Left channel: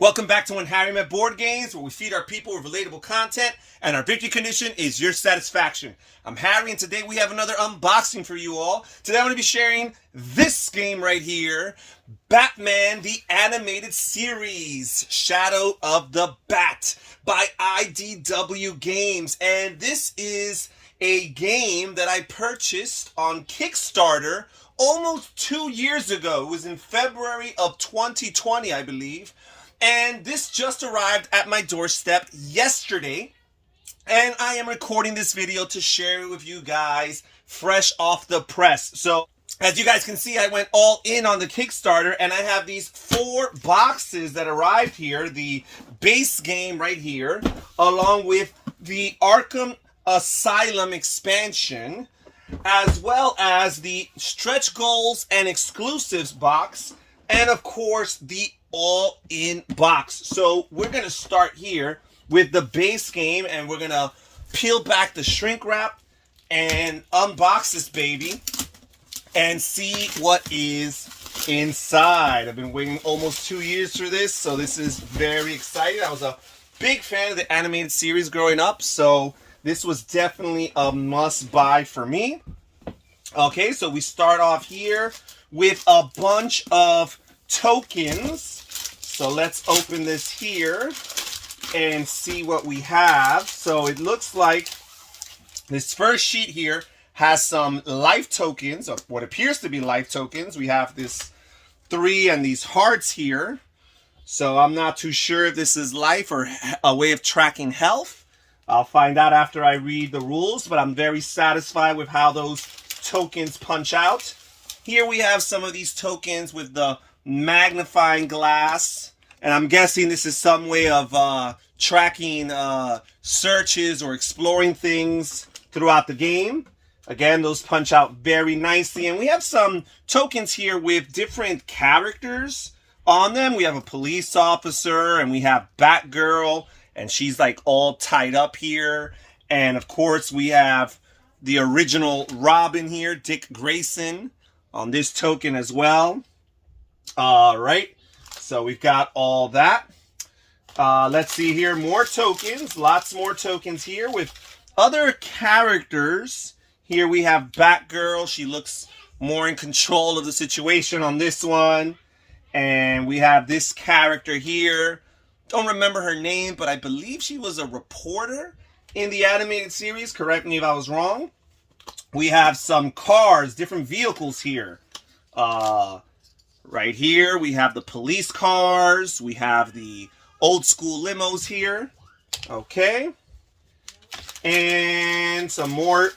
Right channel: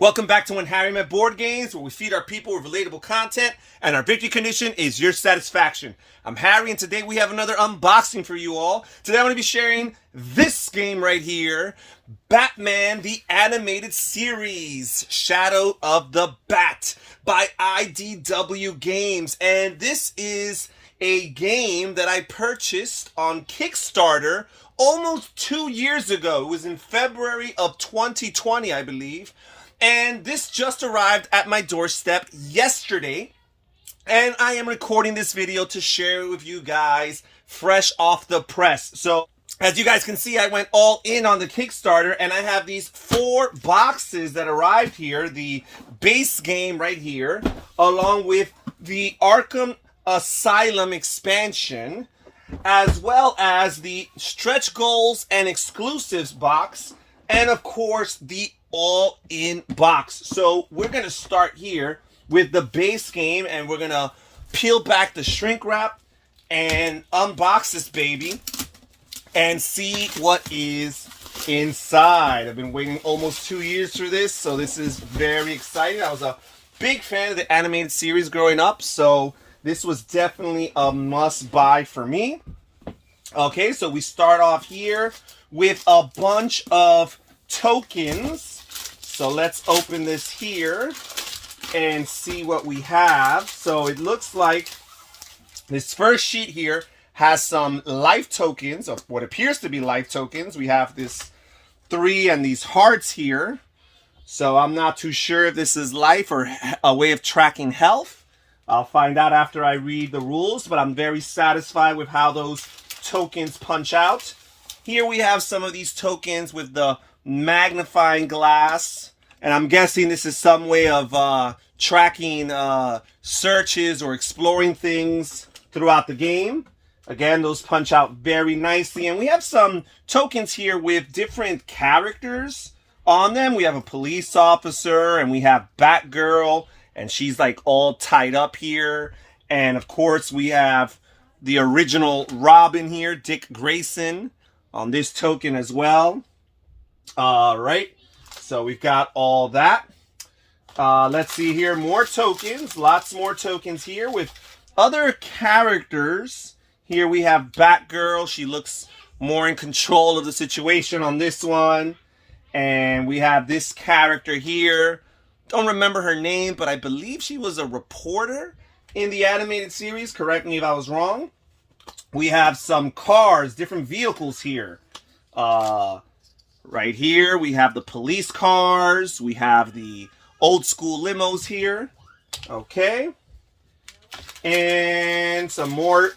Welcome back to When Harry Met Board Games, where we feed our people with relatable content, and our victory condition is your satisfaction. I'm Harry, and today we have another unboxing for you all. Today I'm going to be sharing this game right here, Batman the Animated Series, Shadow of the Bat by IDW Games. And this is a game that I purchased on Kickstarter almost 2 years ago. It was in February of 2020, I believe. And this just arrived at my doorstep yesterday. And I am recording this video to share it with you guys fresh off the press. So, as you guys can see, I went all in on the Kickstarter, and I have these 4 boxes that arrived here. The base game right here, along with the Arkham Asylum expansion, as well as the stretch goals and exclusives box, and of course the all-in box. So we're gonna start here with the base game, and we're gonna peel back the shrink wrap and unbox this baby and see what is inside. I've been waiting almost 2 years for this, so this is very exciting. I was a big fan of the animated series growing up, so this was definitely a must-buy for me. Okay, so we start off here with a bunch of tokens. So let's open this here and see what we have. So it looks like this first sheet here has some life tokens, or what appears to be life tokens. We have this 3 and these hearts here. So I'm not too sure if this is life or a way of tracking health. I'll find out after I read the rules, but I'm very satisfied with how those tokens punch out. Here we have some of these tokens with the magnifying glass, and I'm guessing this is some way of tracking searches or exploring things throughout the game. Again, those punch out very nicely. And we have some tokens here with different characters on them. We have a police officer, and we have Batgirl, and she's like all tied up here. And of course we have the original Robin here, Dick Grayson, on this token as well. All right, so we've got all that. Let's see here, more tokens, lots more tokens here with other characters. Here we have Batgirl. She looks more in control of the situation on this one. And we have this character here. Don't remember her name, but I believe she was a reporter in the animated series. Correct me if I was wrong. We have some cars, different vehicles here. Right here, we have the police cars. We have the old school limos here. Okay. And some more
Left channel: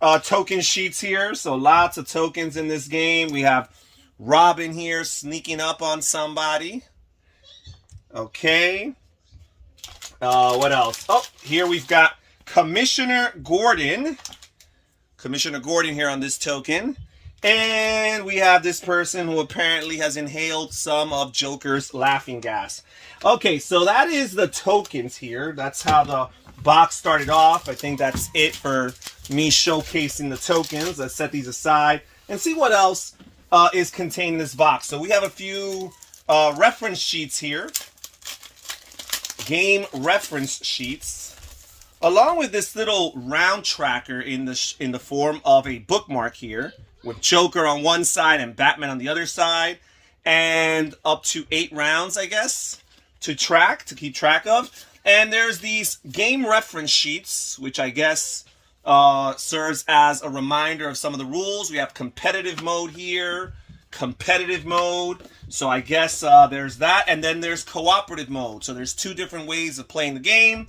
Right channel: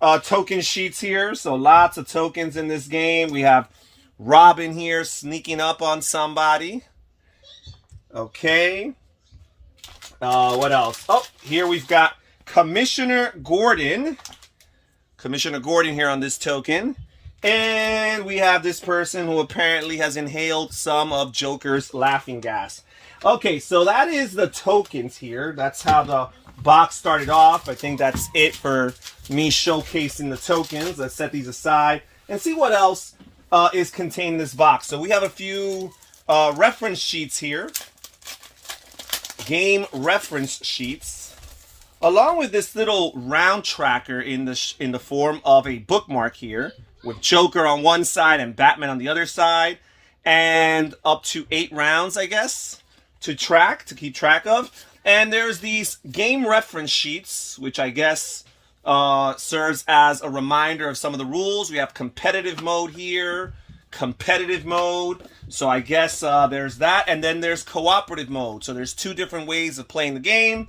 token sheets here. So lots of tokens in this game. We have Robin here sneaking up on somebody. Okay. What else? Oh, here we've got Commissioner Gordon. Commissioner Gordon here on this token. And we have this person who apparently has inhaled some of Joker's laughing gas. Okay, so that is the tokens here. That's how the box started off. I think that's it for me showcasing the tokens. Let's set these aside and see what else is contained in this box. So we have a few reference sheets here. Game reference sheets, along with this little round tracker in the form of a bookmark here, with Joker on one side and Batman on the other side, and up to 8 rounds, I guess, to keep track of. And there's these game reference sheets, which I guess serves as a reminder of some of the rules. We have competitive mode here, competitive mode. So I guess there's that. And then there's cooperative mode. So there's 2 different ways of playing the game.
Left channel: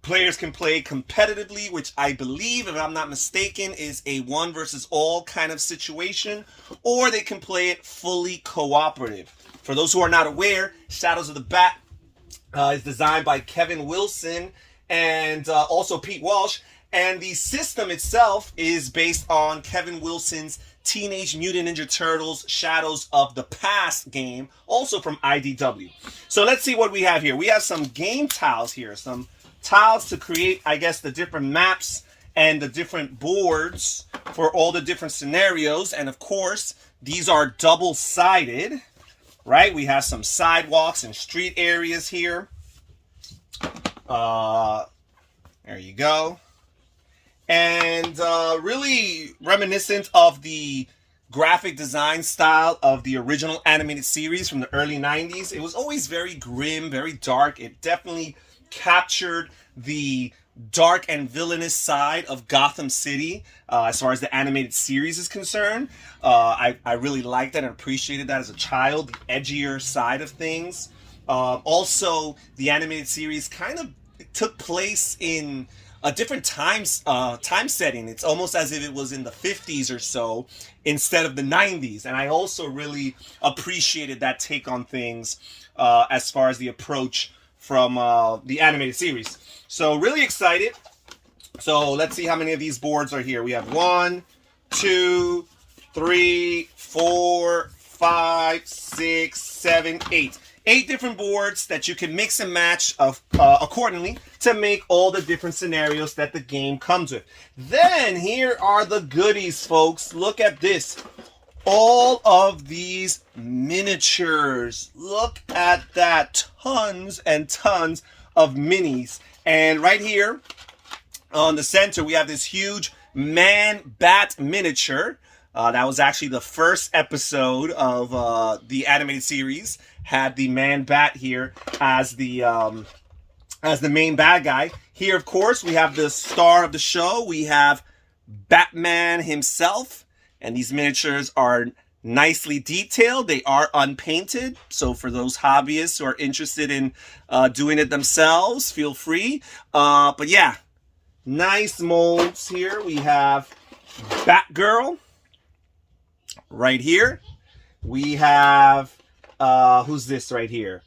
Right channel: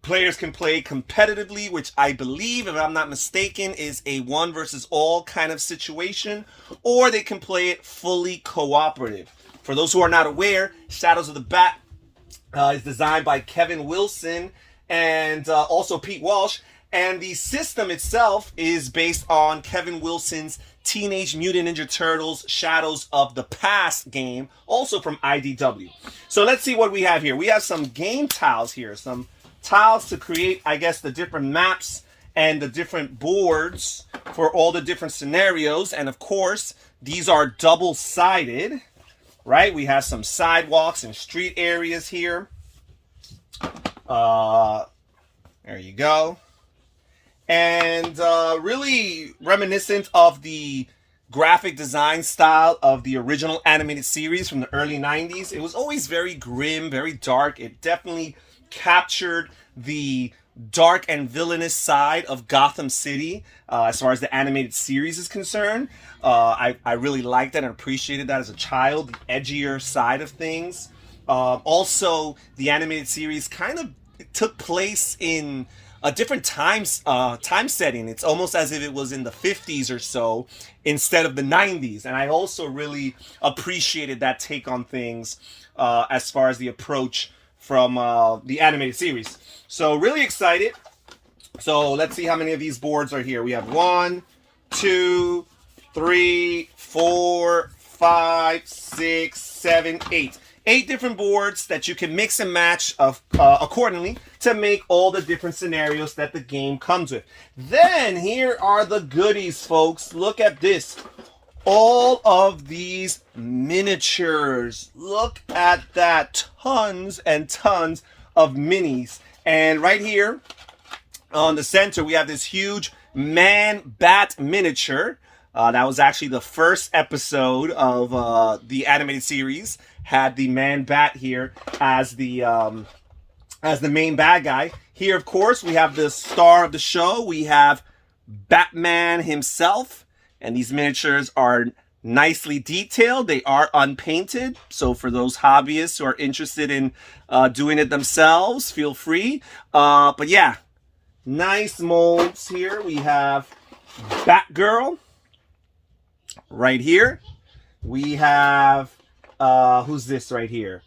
Players can play competitively, which I believe, if I'm not mistaken, is a 1 versus all kind of situation, or they can play it fully cooperative. For those who are not aware, Shadows of the Bat is designed by Kevin Wilson and also Pete Walsh, and the system itself is based on Kevin Wilson's Teenage Mutant Ninja Turtles Shadows of the Past game, also from IDW. So let's see what we have here. We have some game tiles here, some tiles to create, I guess, the different maps and the different boards for all the different scenarios. And of course, these are double-sided. right? We have some sidewalks and street areas here. There you go. And really reminiscent of the graphic design style of the original animated series from the early 90s. It was always very grim, very dark. It definitely captured the dark and villainous side of Gotham City as far as the animated series is concerned. I really liked that and appreciated that as a child, the edgier side of things. Also, the animated series kind of took place in a different time setting. It's almost as if it was in the 50s or so instead of the 90s. And I also really appreciated that take on things as far as the approach from the animated series. So really excited. So let's see how many of these boards are here. We have 1, 2, 3, 4, 5, 6, 7, 8. 8 different boards that you can mix and match accordingly to make all the different scenarios that the game comes with. Then here are the goodies, folks. Look at this. All of these miniatures. Look at that. Tons and tons of minis. And right here on the center, we have this huge man-bat miniature. That was actually the first episode of the animated series. Had the man-bat here as the main bad guy. Here, of course, we have the star of the show. We have Batman himself. And these miniatures are nicely detailed. They are unpainted. So for those hobbyists who are interested in doing it themselves, feel free. But yeah, nice molds here. We have Batgirl right here. We have... who's this right here?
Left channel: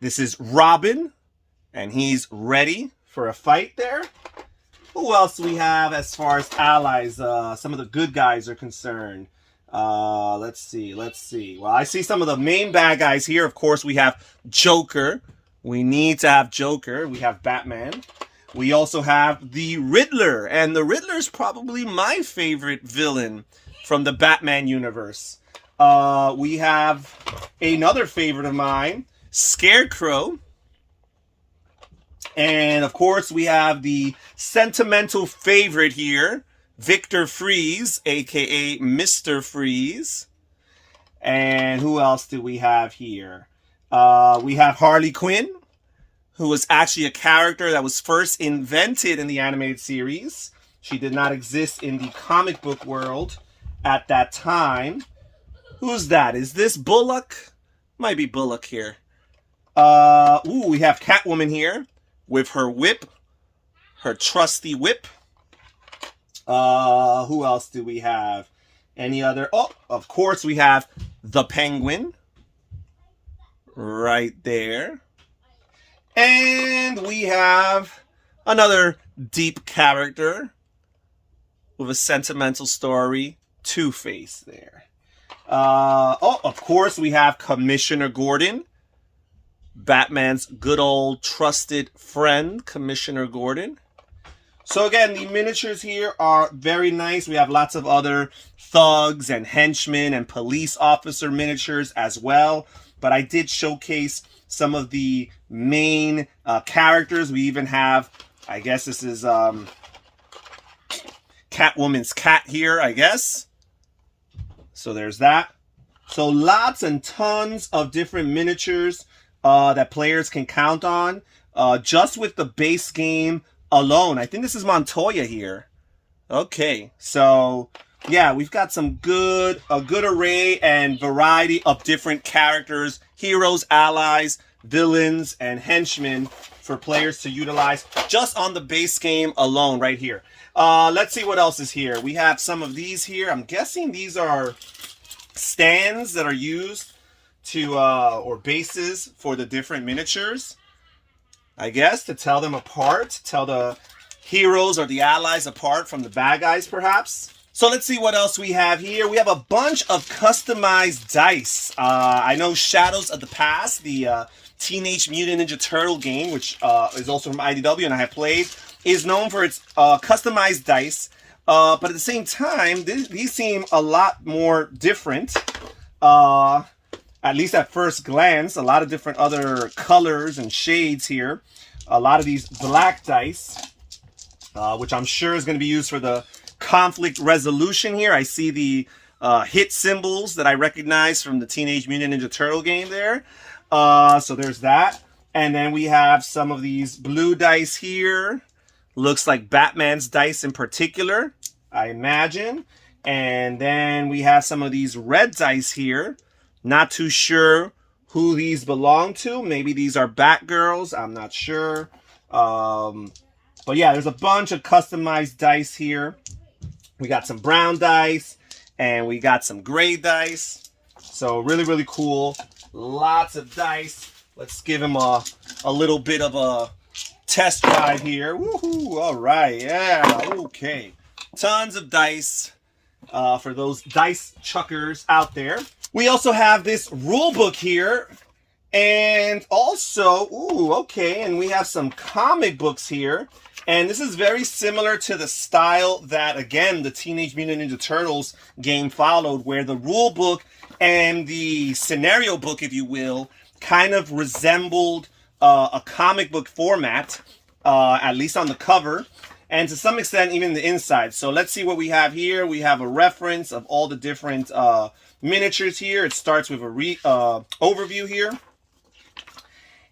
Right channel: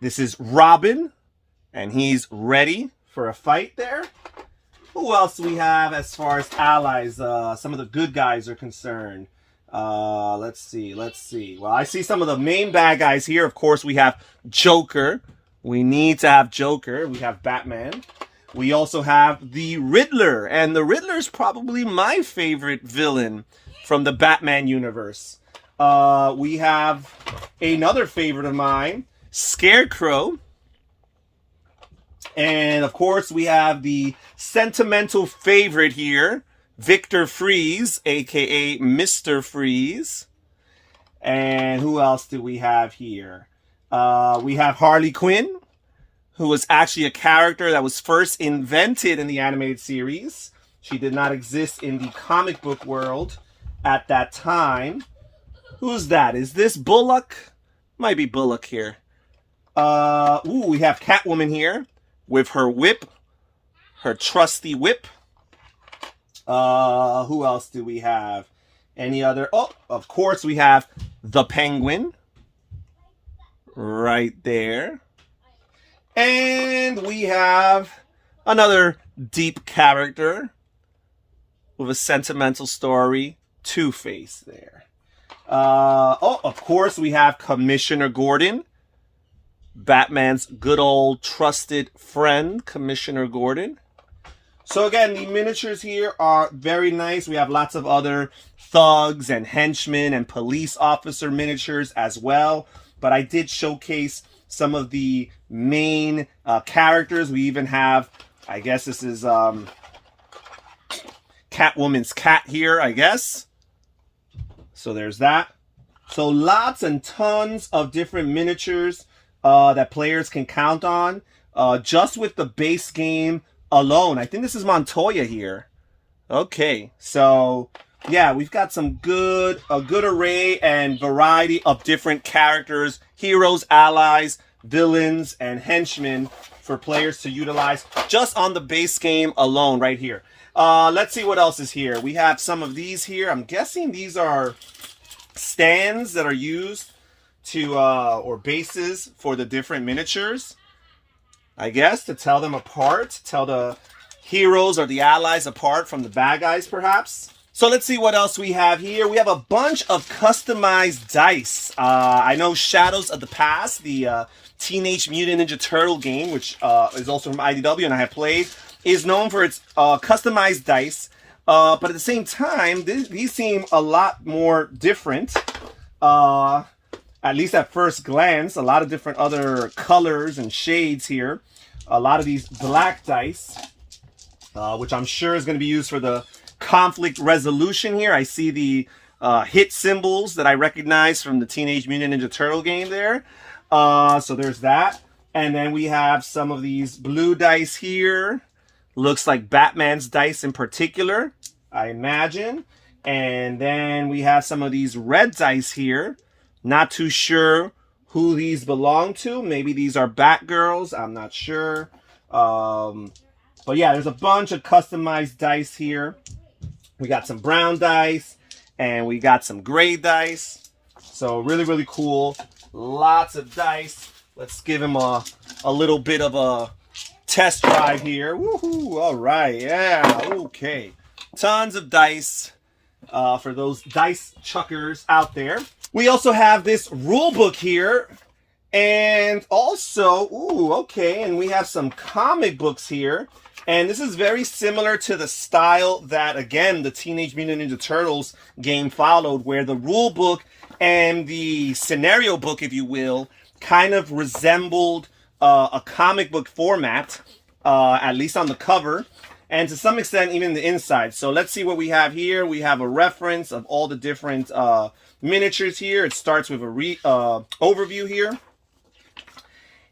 This is Robin, and he's ready for a fight there. Who else do we have as far as allies? Some of the good guys are concerned. Let's see. Well, I see some of the main bad guys here. Of course, we have Joker. We need to have Joker. We have Batman. We also have the Riddler, and the Riddler is probably my favorite villain from the Batman universe. We have another favorite of mine, Scarecrow. And of course, we have the sentimental favorite here, Victor Freeze, aka Mr. Freeze. And who else do we have here? We have Harley Quinn, who was actually a character that was first invented in the animated series. She did not exist in the comic book world at that time. Who's that? Is this Bullock? Might be Bullock here. We have Catwoman here with her whip. Her trusty whip. Who else do we have? Any other? Oh, of course we have the Penguin. Right there. And we have another deep character with a sentimental story. Two-Face there. Of course, we have Commissioner Gordon. Batman's good old trusted friend, Commissioner Gordon. So again, the miniatures here are very nice. We have lots of other thugs and henchmen and police officer miniatures as well. But I did showcase some of the main characters. We even have, I guess this is Catwoman's cat here, I guess. So there's that. So lots and tons of different miniatures that players can count on just with the base game alone. I think this is Montoya here. Okay, so yeah, we've got a good array and variety of different characters, heroes, allies, villains, and henchmen for players to utilize just on the base game alone right here. Let's see what else is here. We have some of these here. I'm guessing these are stands that are used to, or bases for the different miniatures. I guess to tell them apart, tell the heroes or the allies apart from the bad guys, perhaps. So let's see what else we have here. We have a bunch of customized dice. I know Shadows of the Past, the Teenage Mutant Ninja Turtle game, which is also from IDW and I have played, is known for its customized dice. But at the same time, these seem a lot more different. at least at first glance, a lot of different other colors and shades here. A lot of these black dice, which I'm sure is going to be used for the conflict resolution here. I see the hit symbols that I recognize from the Teenage Mutant Ninja Turtle game there. So there's that. And then we have some of these blue dice here. Looks like Batman's dice in particular, I imagine. And then we have some of these red dice here. Not too sure who these belong to. Maybe these are Batgirls. I'm not sure. But yeah, there's a bunch of customized dice here. We got some brown dice and we got some gray dice. So really, really cool. Lots of dice. Let's give him a little bit of a test drive here. Woohoo! All right. Yeah. Okay. Tons of dice for those dice chuckers out there. We also have this rule book here, and also, ooh, okay, and we have some comic books here, and this is very similar to the style that, again, the Teenage Mutant Ninja Turtles game followed, where the rule book and the scenario book, if you will, kind of resembled a comic book format, at least on the cover, and to some extent, even the inside. So let's see what we have here. We have a reference of all the different miniatures here. It starts with a overview here,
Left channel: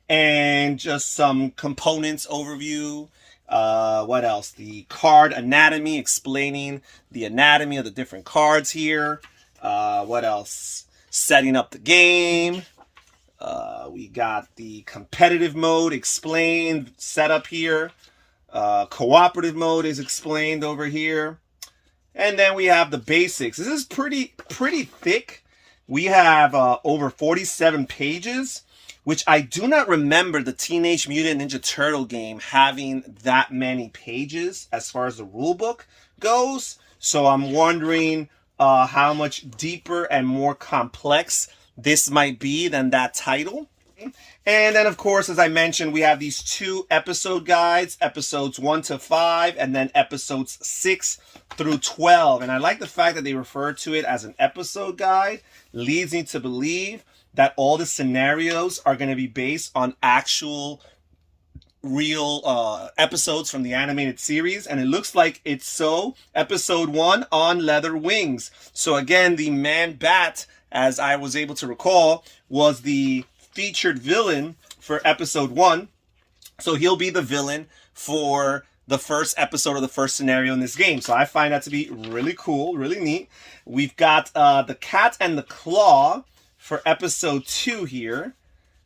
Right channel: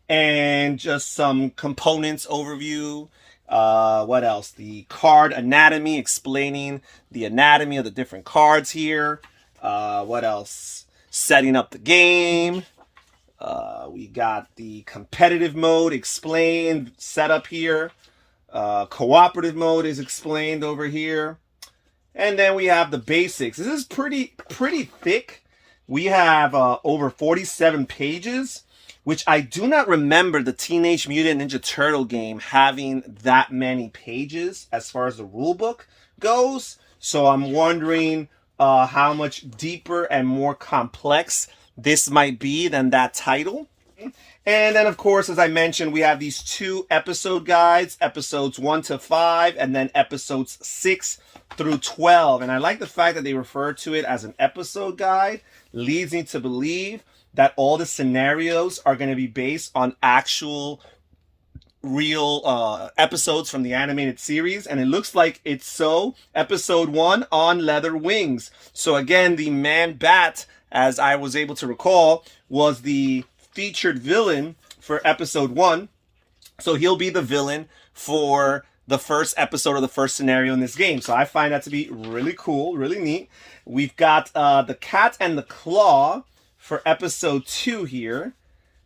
and just some components overview. What else? The card anatomy, explaining the anatomy of the different cards here. What else? Setting up the game. We got the competitive mode explained, set up here. Cooperative mode is explained over here. And then we have the basics. This is pretty thick. We have over 47 pages, which I do not remember the Teenage Mutant Ninja Turtle game having that many pages as far as the rule book goes. So I'm wondering how much deeper and more complex this might be than that title. And then, of course, as I mentioned, we have these 2 episode guides, episodes 1 to 5, and then episodes 6 through 12. And I like the fact that they refer to it as an episode guide. Leads me to believe that all the scenarios are going to be based on actual real episodes from the animated series. And it looks like it's so. Episode 1, On Leather Wings. So again, the Man-Bat, as I was able to recall, was the featured villain for episode 1. So he'll be the villain for the first episode of the first scenario in this game. So I find that to be really cool, really neat. We've got the Cat and the Claw for episode 2 here.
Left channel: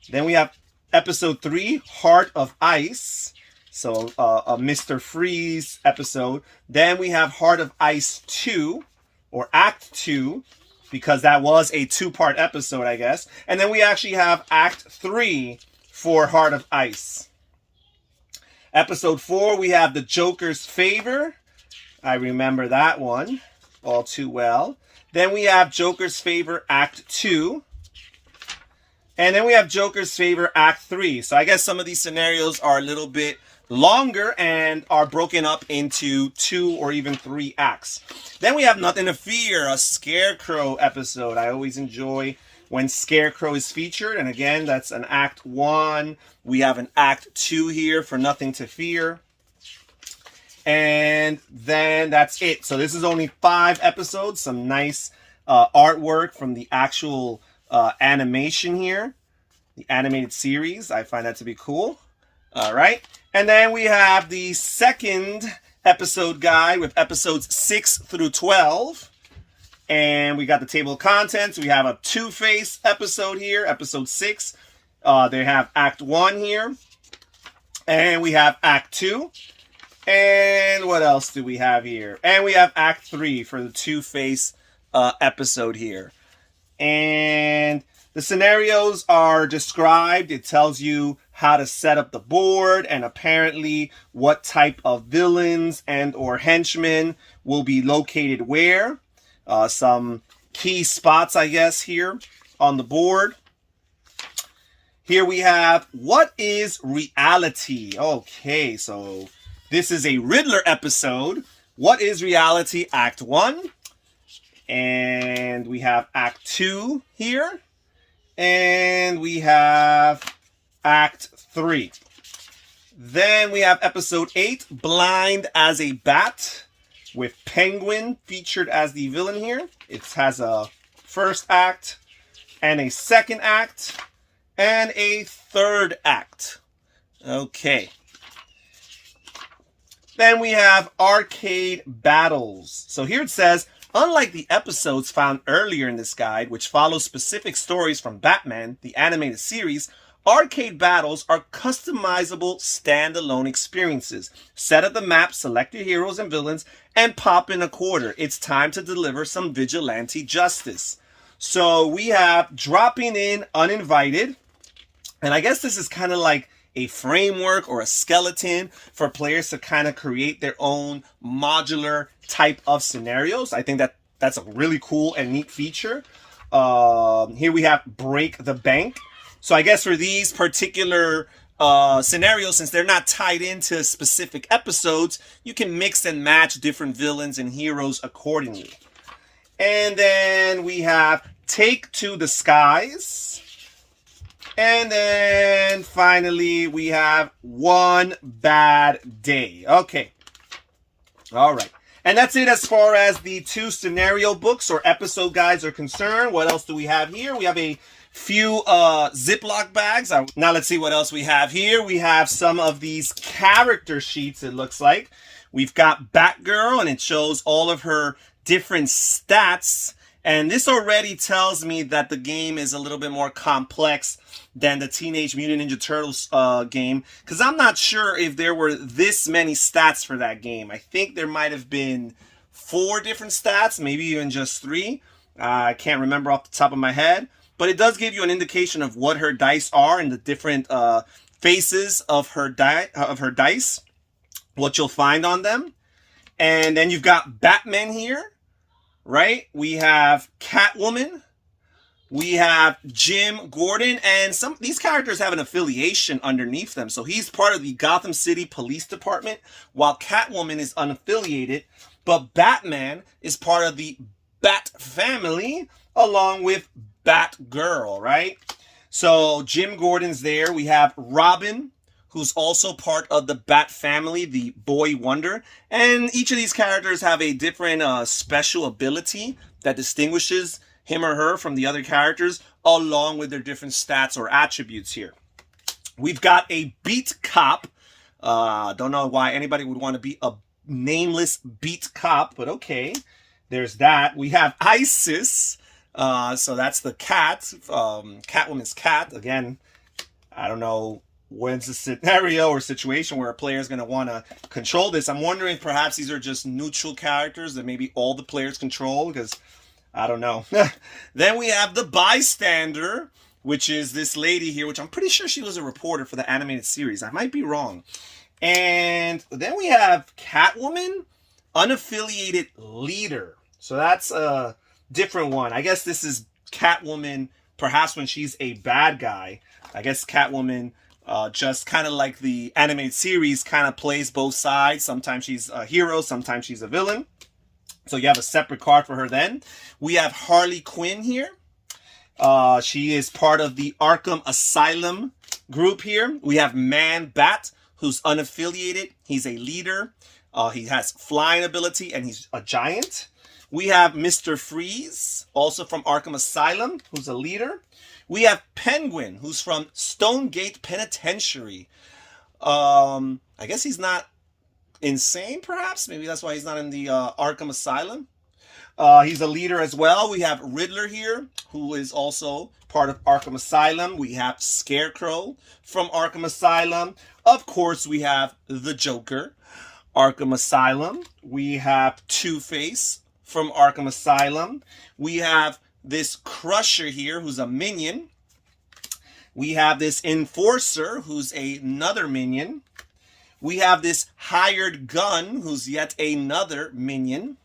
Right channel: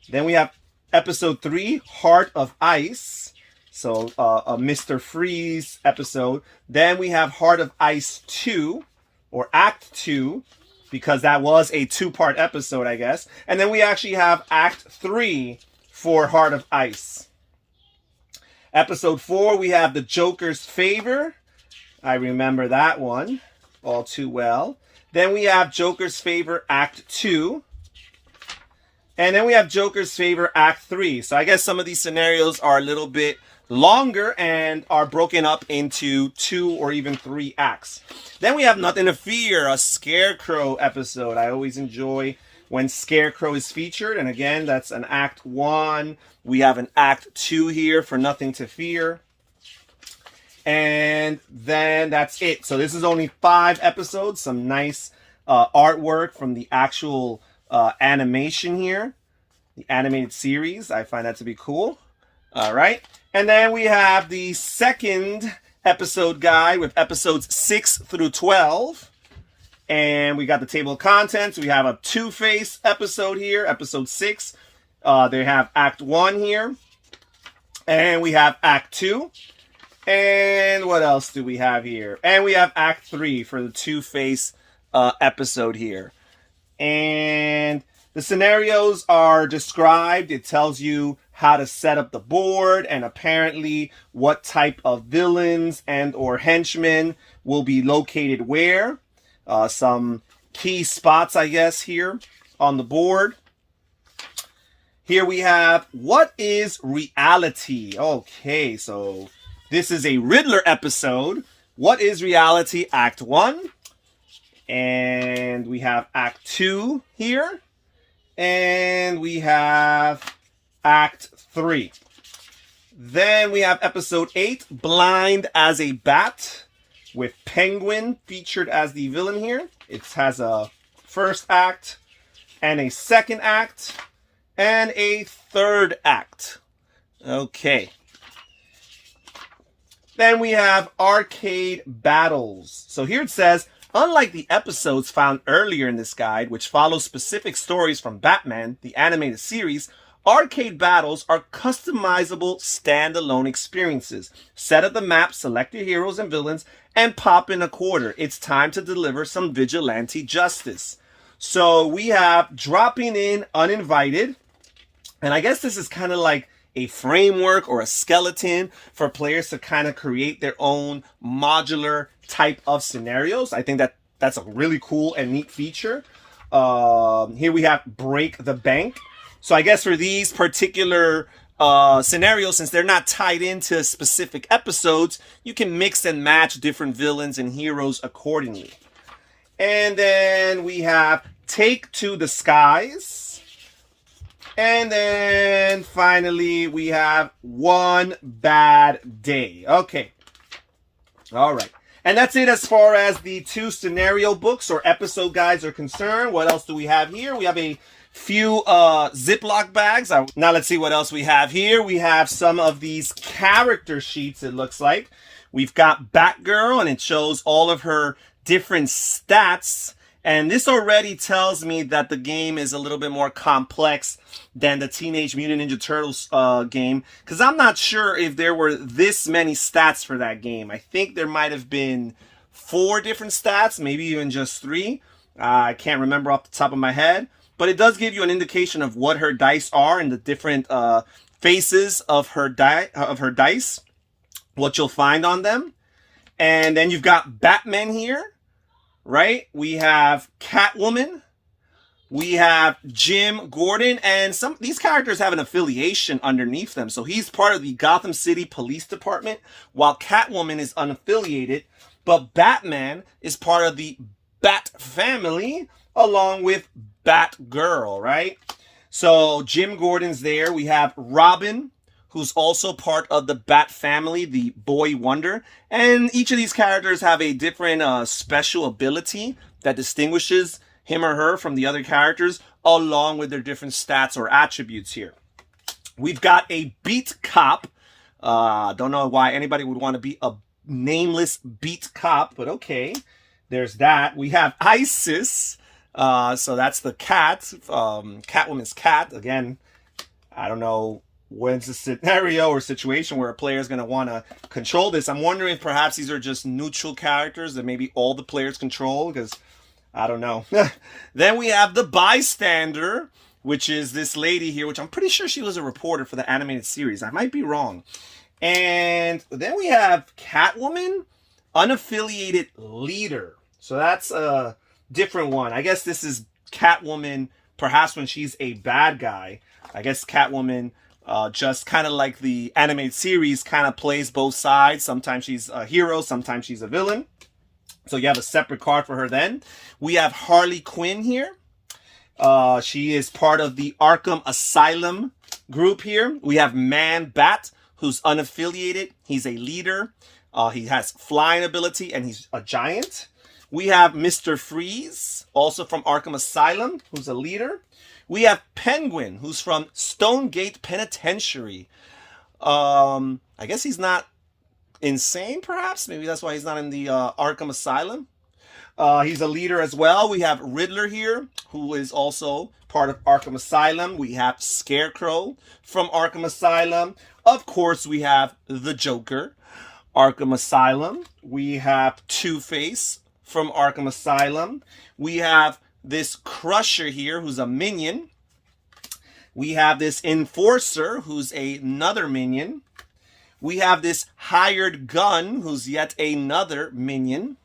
Then we have episode 3, Heart of Ice. So a Mr. Freeze episode. Then we have Heart of Ice 2, or Act 2, because that was a 2-part episode, I guess. And then we actually have Act 3 for Heart of Ice. Episode 4, we have The Joker's Favor. I remember that one all too well. Then we have Joker's Favor Act 2. And then we have Joker's Favor Act 3. So I guess some of these scenarios are a little bit longer and are broken up into 2 or even 3 acts. Then we have Nothing to Fear, a Scarecrow episode. I always enjoy when Scarecrow is featured. And again, that's an Act 1. We have an Act 2 here for Nothing to Fear. And then that's it. So this is only 5 episodes. Some nice artwork from the actual animation here. The animated series. I find that to be cool. All right. And then we have the second episode guide with episodes 6 through 12. And we got the table of contents. We have a Two-Face episode here, episode 6. They have Act 1 here. And we have Act 2. And what else do we have here? And we have Act 3 for the Two-Face episode here. And the scenarios are described. It tells you how to set up the board and apparently what type of villains and or henchmen will be located where. Some key spots, I guess, here on the board. Here we have, what is reality? Okay, so this is a Riddler episode. What is reality? Act 1. And we have Act 2 here. And we have Act 3. Then we have Episode 8, Blind as a Bat, with Penguin featured as the villain here. It has a first act and a second act and a third act. Okay. Then we have Arcade Battles. So here it says, unlike the episodes found earlier in this guide, which follow specific stories from Batman, the animated series, Arcade Battles are customizable standalone experiences. Set up the map, select your heroes and villains, and pop in a quarter. It's time to deliver some vigilante justice. So we have dropping in uninvited. And I guess this is kind of like a framework or a skeleton for players to kind of create their own modular type of scenarios. I think that's a really cool and neat feature. Here we have Break the Bank. So I guess for these particular scenarios, since they're not tied into specific episodes, you can mix and match different villains and heroes accordingly. And then we have Take to the Skies. And then finally, we have One Bad Day. Okay. All right. And that's it as far as the 2 scenario books or episode guides are concerned. What else do we have here? We have a few Ziploc bags. Now let's see what else we have here. We have some of these character sheets, it looks like. We've got Batgirl, and it shows all of her different stats. And this already tells me that the game is a little bit more complex than the Teenage Mutant Ninja Turtles game, because I'm not sure if there were this many stats for that game. I think there might have been 4 different stats, maybe even just 3. I can't remember off the top of my head, but it does give you an indication of what her dice are and the different faces of her dice, what you'll find on them. And then you've got Batman here. Right? We have Catwoman. We have Jim Gordon. And these characters have an affiliation underneath them. So he's part of the Gotham City Police Department, while Catwoman is unaffiliated. But Batman is part of the Bat family, along with Batgirl, right? So Jim Gordon's there. We have Robin, who's also part of the Bat family, the Boy Wonder. And each of these characters have a different special ability that distinguishes him or her from the other characters, along with their different stats or attributes here. We've got a beat cop. Don't know why anybody would want to be a nameless beat cop, but okay. There's that. We have Isis. So that's the cat, Catwoman's cat. Again, I don't know when's the scenario or situation where a player is going to want to control this. I'm wondering if perhaps these are just neutral characters that maybe all the players control, because I don't know. Then we have the bystander, which is this lady here, which I'm pretty sure she was a reporter for the animated series. I might be wrong. And then we have Catwoman, unaffiliated leader. So that's a different one. I guess this is Catwoman, perhaps when she's a bad guy. I guess Catwoman, just kind of like the animated series, kind of plays both sides. Sometimes she's a hero, sometimes she's a villain. So you have a separate card for her then. We have Harley Quinn here. She is part of the Arkham Asylum group here. We have Man Bat, who's unaffiliated. He's a leader. He has flying ability, and he's a giant. We have Mr. Freeze, also from Arkham Asylum, who's a leader. We have Penguin, who's from Stonegate Penitentiary. I guess he's not insane, perhaps? Maybe that's why he's not in the Arkham Asylum. He's a leader as well. We have Riddler here, who is also part of Arkham Asylum. We have Scarecrow from Arkham Asylum. Of course, we have the Joker, Arkham Asylum. We have Two-Face from Arkham Asylum. We have this Crusher here, who's a minion. We have this Enforcer, who's another minion. We have this Hired Gun, who's yet another minion.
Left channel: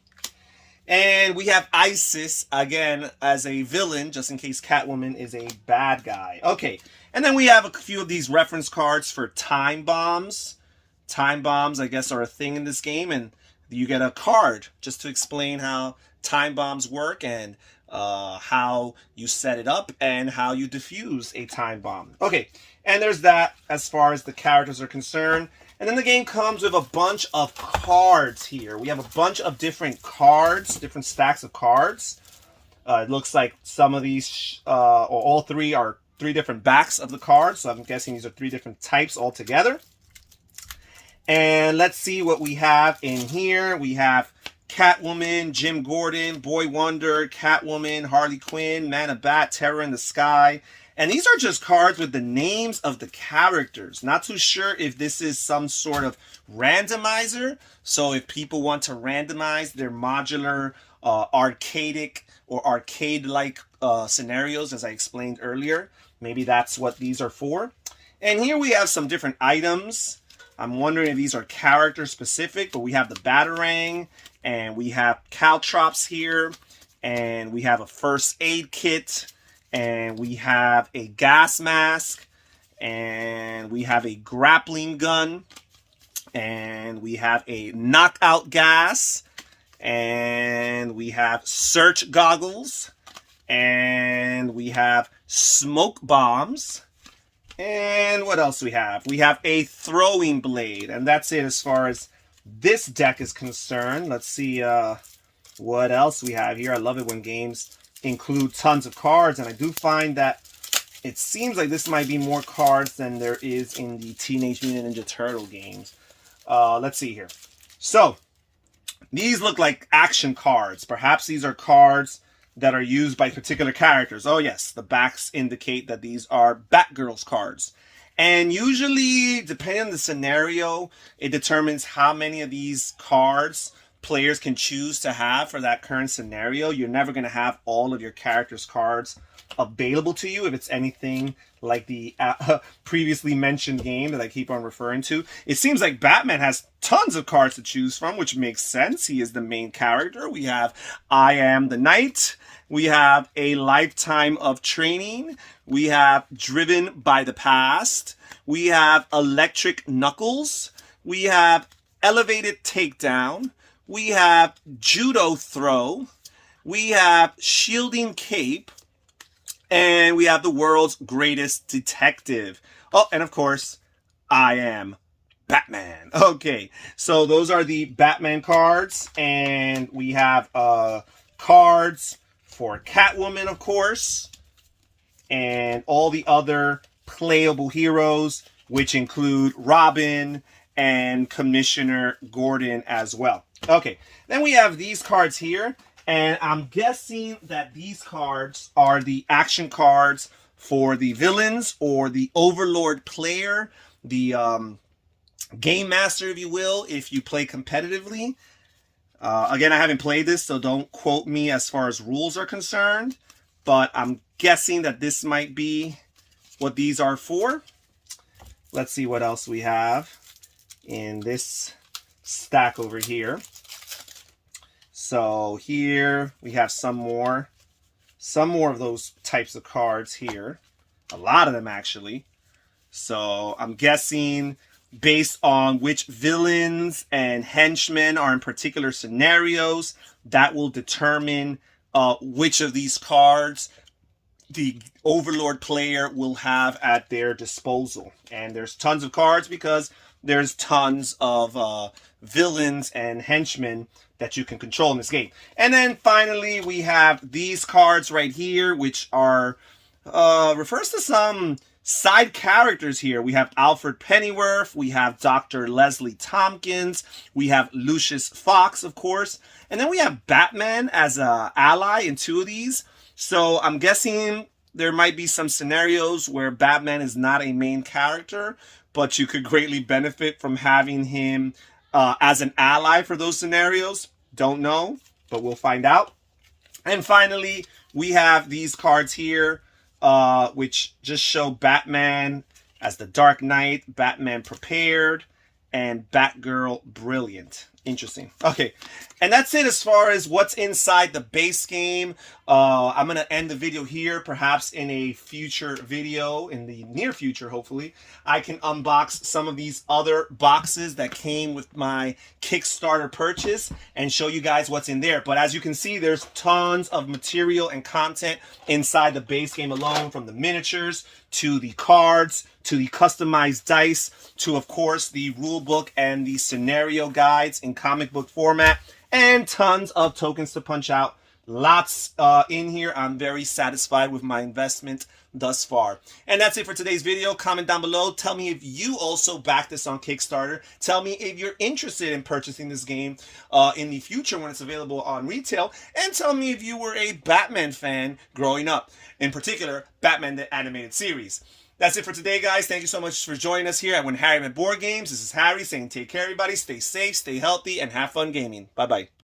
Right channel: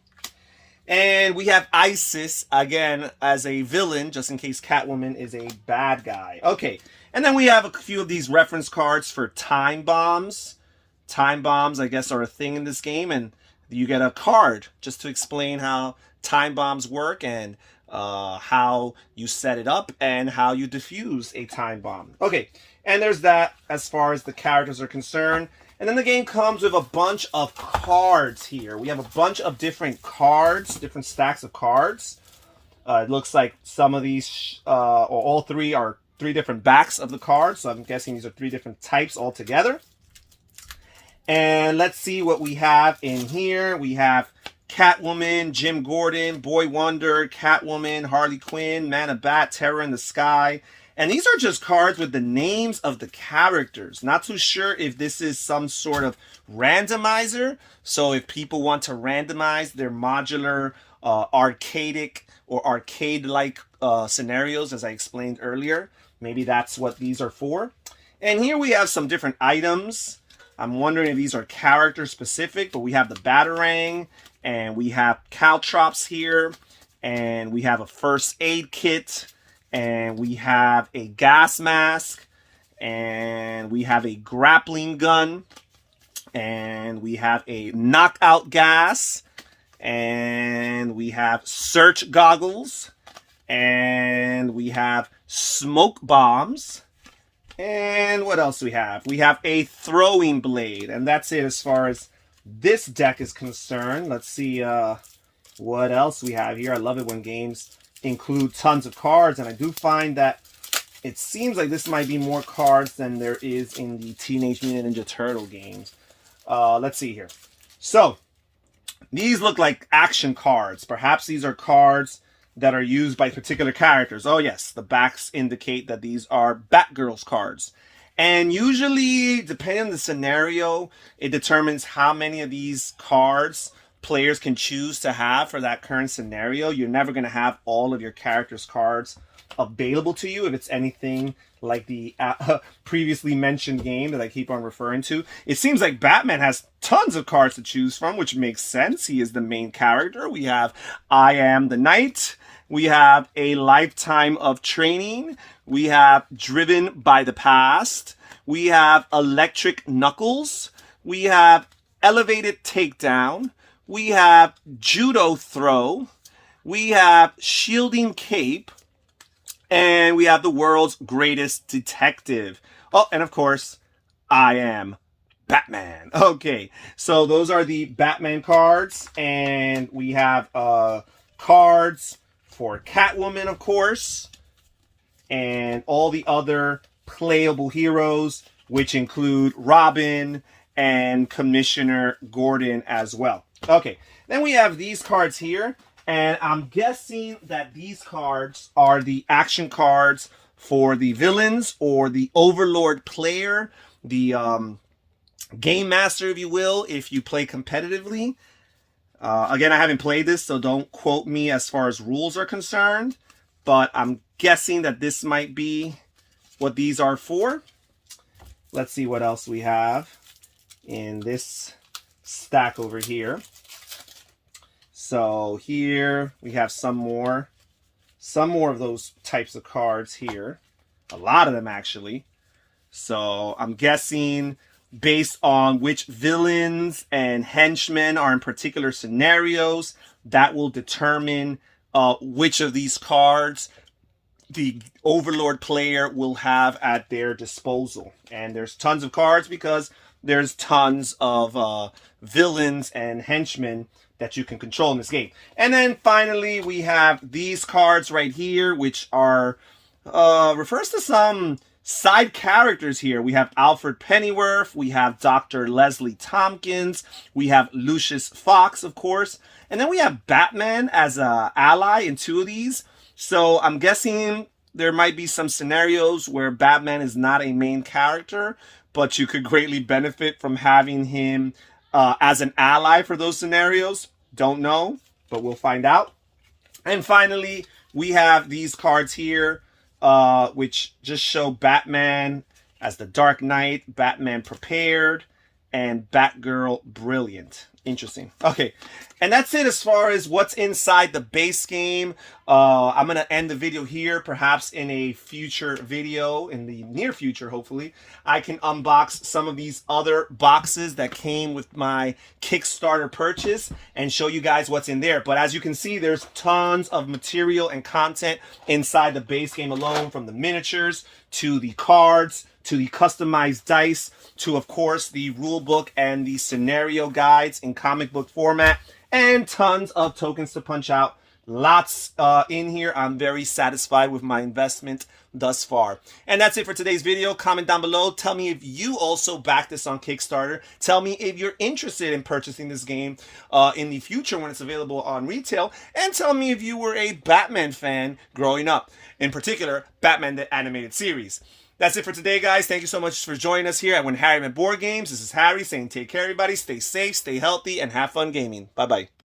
And we have Isis, again, as a villain, just in case Catwoman is a bad guy. Okay, and then we have a few of these reference cards for time bombs. Time bombs, I guess, are a thing in this game, and you get a card just to explain how time bombs work and how you set it up, and how you defuse a time bomb. Okay, and there's that as far as the characters are concerned. And then the game comes with a bunch of cards here. We have a bunch of different cards, different stacks of cards. It looks like some of these, or all three, are 3 different backs of the cards. So I'm guessing these are 3 different types altogether. And let's see what we have in here. We have Catwoman, Jim Gordon, Boy Wonder, Catwoman, Harley Quinn, Man of Bat, Terror in the Sky. And these are just cards with the names of the characters. Not too sure if this is some sort of randomizer. So if people want to randomize their modular, arcadic, or arcade-like scenarios, as I explained earlier, maybe that's what these are for. And here we have some different items. I'm wondering if these are character specific, but we have the Batarang, and we have caltrops here, and we have a first aid kit, and we have a gas mask, and we have a grappling gun, and we have a knockout gas, and we have search goggles, and we have smoke bombs, and what else do we have? We have a throwing blade, and that's it as far as this deck is concerned. Let's see what else we have here. I love it when games include tons of cards, and I do find that it seems like this might be more cards than there is in the Teenage Mutant Ninja Turtle games. Let's see here. So, these look like action cards. Perhaps these are cards that are used by particular characters. Oh yes, the backs indicate that these are Batgirl's cards. And usually, depending on the scenario, it determines how many of these cards players can choose to have for that current scenario. You're never going to have all of your characters' cards available to you if it's anything like the previously mentioned game that I keep on referring to. It seems like Batman has tons of cards to choose from, which makes sense. He is the main character. We have I Am the Knight. We have A Lifetime of Training. We have Driven by the Past. We have Electric Knuckles. We have Elevated Takedown. We have Judo Throw. We have Shielding Cape. And we have the World's Greatest Detective. Oh, and of course, I Am Batman. Okay, so those are the Batman cards. And we have cards for Catwoman, of course. And all the other playable heroes, which include Robin and Commissioner Gordon as well. Okay, then we have these cards here. And I'm guessing that these cards are the action cards for the villains or the Overlord player, the Game Master, if you will, if you play competitively. Again, I haven't played this, so don't quote me as far as rules are concerned. But I'm guessing that this might be what these are for. Let's see what else we have in this stack over here. So here we have some more of those types of cards here. A lot of them, actually. So I'm guessing based on which villains and henchmen are in particular scenarios, that will determine which of these cards the Overlord player will have at their disposal. And there's tons of cards because there's tons of villains and henchmen that you can control in this game. And then finally, we have these cards right here, which are refers to some side characters here. We have Alfred Pennyworth, we have Dr. Leslie Tompkins, we have Lucius Fox, of course, and then we have Batman as an ally in 2 of these. So I'm guessing there might be some scenarios where Batman is not a main character, but you could greatly benefit from having him as an ally for those scenarios. Don't know, but we'll find out. And finally, we have these cards here, which just show Batman as the Dark Knight, Batman Prepared, and Batgirl Brilliant Interesting. Okay. And that's it as far as what's inside the base game. I'm going to end the video here. Perhaps in a future video, in the near future, hopefully, I can unbox some of these other boxes that came with my Kickstarter purchase and show you guys what's in there. But as you can see, there's tons of material and content inside the base game alone, from the miniatures to the cards to the customized dice to, of course, the rule book and the scenario guides in comic book format, and tons of tokens to punch out. Lots in here. I'm very satisfied with my investment thus far. And that's it for today's video. Comment down below. Tell me if you also backed this on Kickstarter. Tell me if you're interested in purchasing this game in the future when it's available on retail. And tell me if you were a Batman fan growing up. In particular, Batman the Animated Series. That's it for today, guys. Thank you so much for joining us here at When Harry Met Board Games. This is Harry saying take care, everybody. Stay safe, stay healthy, and have fun gaming. Bye-bye.